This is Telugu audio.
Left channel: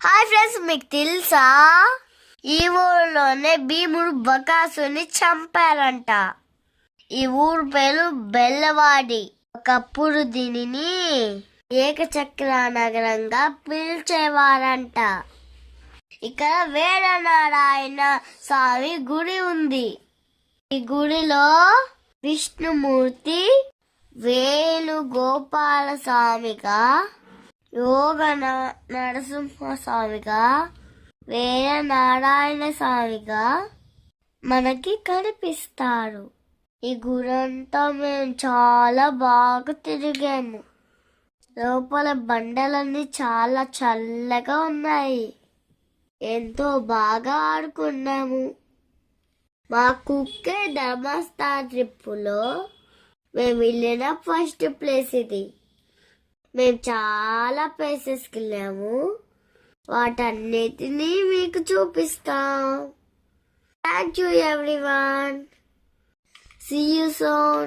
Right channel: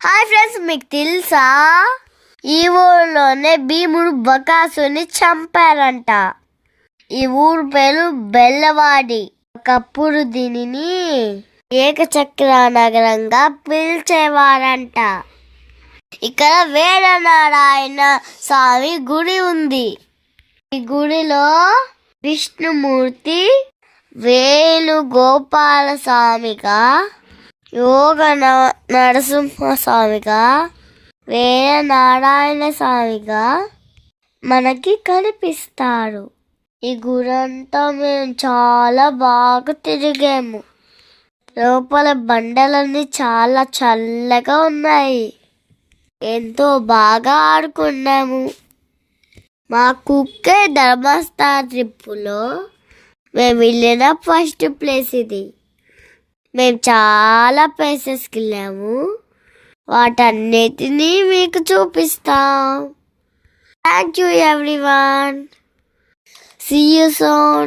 హాయ్ ఫ్రెండ్స్, మీకు తెలుసా ఈ ఊరిలోనే భీముడు బకాసుని చంపారంట. ఈ ఊరు పేరు బెల్లవాడి. ఒకప్పుడు దీనిని ఏకచక్ర నగరంగా పిలిచేవారంట. ఇక్కడ వీరనారాయణ స్వామి గుడి ఉంది. ఈ గుడిలో విష్ణుమూర్తి వేణుగోపాల స్వామిగా, యోగ నరసింహస్వామిగా, వీరనారాయణ స్వామిగా మనకి కనిపిస్తారు. ఈ గురంతా మేము చాలా బాగా తిరిగాము. లోపల బండలన్నీ చాలా చల్లగా ఉన్నాయి. ఎంతో బాగా ఆడుకున్నాము. మా కుక్కే ధర్మస్థల ట్రిప్పులో మేము వెళ్ళిన ఫస్ట్ ప్లేస్ ఇది. మేము చాలా ప్లేసెస్కి వెళ్ళాము. వాటన్నిటినీ మీకు చూపిస్తాం. Thank you everyone. See you soon.